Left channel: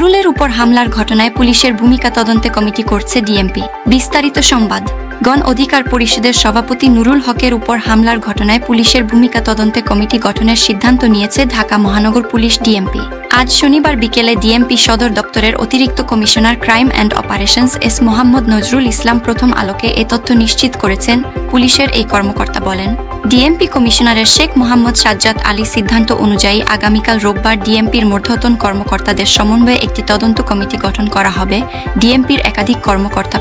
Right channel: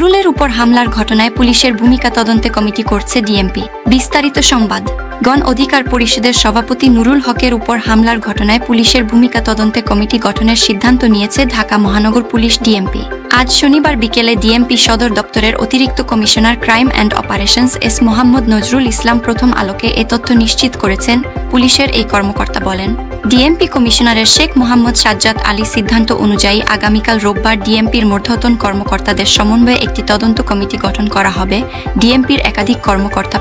নুরুলের উপর হামলার ঘটনায় পুলিশের ভূমিকা তদন্তে কমিটি করছে ডিএমপি। বিস্তারিত সংবাদ। গণ অধিকার পরিষদের সভাপতি নুরুল হকের উপর হামলার ঘটনায় পুলিশের ভূমিকা তদন্তে কমিটি গঠনের সিদ্ধান্ত নিয়েছে ঢাকা মহানগর পুলিশ ডিএমপি। আজ শনিবার বিকেলে ডিএমপি সদর দপ্তরের অতিরিক্ত commissioner crime and operations S Mohammad Nazrul Islam প্রথম আলোকে এ তথ্য নিশ্চিত করেছেন, পুলিশের এই কর্মকর্তা বলেন। ডিএমপি কমিশনারের শেখ মোহাম্মদ সাজ্জাদ আলী সিদ্ধান্ত অনুযায়ী আগামীকাল রোববার ডিএমপির মধ্যতন কর্মকর্তাদের সমন্বয়ে একটি তদন্ত কমিটি গঠন করা হবে। ডিএমপির একাধিক কর্মকর্তা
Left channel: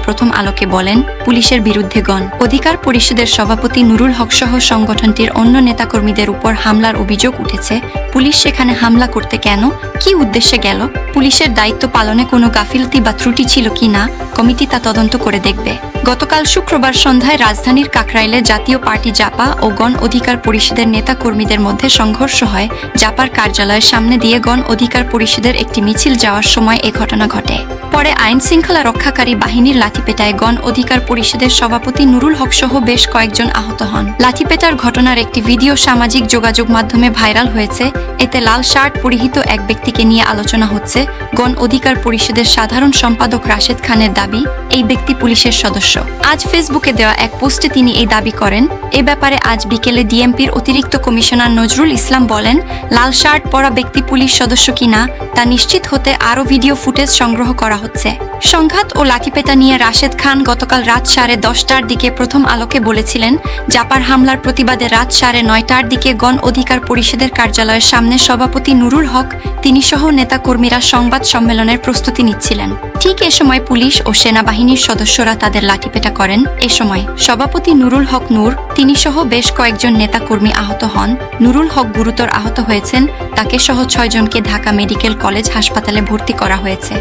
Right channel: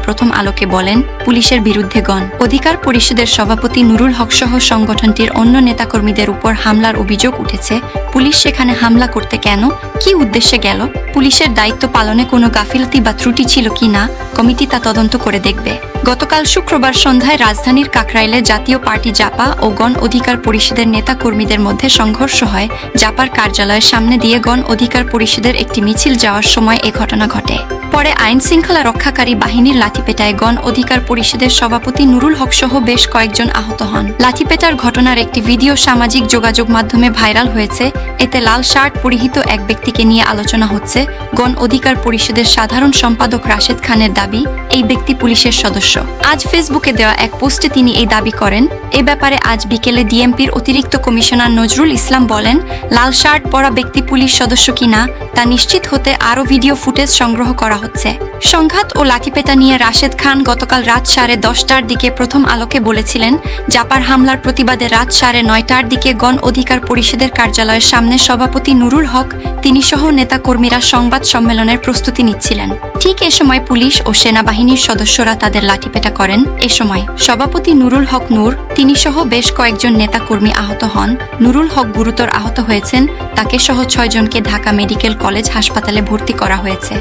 পুলিশের বিরুদ্ধে গণ অধিকার পরিষদের সভাপতি নুরুল হক সহ সংগঠনটির অন্য নেতাকর্মীদের উপর হামলার অভিযোগ উঠেছে। পুলিশ সেখানে হামলা করতে কেন? কি উদ্দেশ্যে গেল? পুলিশের দায়িত্ব পালনে কোনো গাফিলতি বা ত্রুটি ছিল কিনা কমিটি তা তদন্ত করে দেখবে। গতকাল শুক্রবার সন্ধ্যায় রাজধানীর কাকরাইলে জাতীয় পার্টি জাপা ও গণ অধিকার পরিষদের নেতাকর্মীদের মধ্যে সংঘর্ষ হয়। জাপার কার্যালয়ের সামনে দিয়ে গণ অধিকার পরিষদের একটি মিছিল যাওয়ার লাঠিপেটায় গণ অধিকার পরিষদের সভাপতি নুরুল হক সহ বেশ কয়েকজন আহত হন। লাঠিপেটার ঘটনার একটি ভিডিও সামাজিক যোগাযোগ মাধ্যমে ভাইরাল হয়েছে। এতে লাল শার্ট পরিহিত এক ব্যক্তিকে নিয়ে আলোচনা হচ্ছে। গণ অধিকার পরিষদের সাধারণ সম্পাদক রাশেদ খানের দাবি, এই ব্যক্তি পুলিশের সদস্য। আজ ফেসবুকে দেওয়া এক পোস্টে তিনি এই দাবি করেন, এ ব্যাপারে আজ বিকেলে ডিএমপির অতিরিক্ত কমিশনার নজরুল ইসলাম বলেন, লাল শার্ট পরা ব্যক্তি পুলিশ সদস্য কিনা তা নিশ্চিত হতে আরও ভিডিও ফুটেজ সংগ্রহ করা হচ্ছে। সংঘাত ও লাঠিপেটা নিয়ে রাশেদ খান গতকাল রাত সাড়ে দশটার দিকে প্রথম আলোকে বলেছিলেন জাপার হামলার প্রতিবাদে রাত সাড়ে নয়টার দিকে গণ অধিকার পরিষদের কার্যালয়ের সামনে সভাপতি নুরুল হক, তিনি সহ নেতাকর্মীরা সংবাদ সম্মেলনের প্রস্তুতি নিচ্ছিলেন। ঠিক এ সময় পুলিশ ও সেনাবাহিনীর সদস্যরা তাদের লাঠিপেটা করেন। এ সময় সভাপতি নুরুল হক নূর, তিনি সহ বেশ কয়েকজন নেতাকর্মী আহত হন। সহ ছয়জনকে ঢাকা মেডিকেল কলেজ হাসপাতালে ভর্তি করা হয়েছে।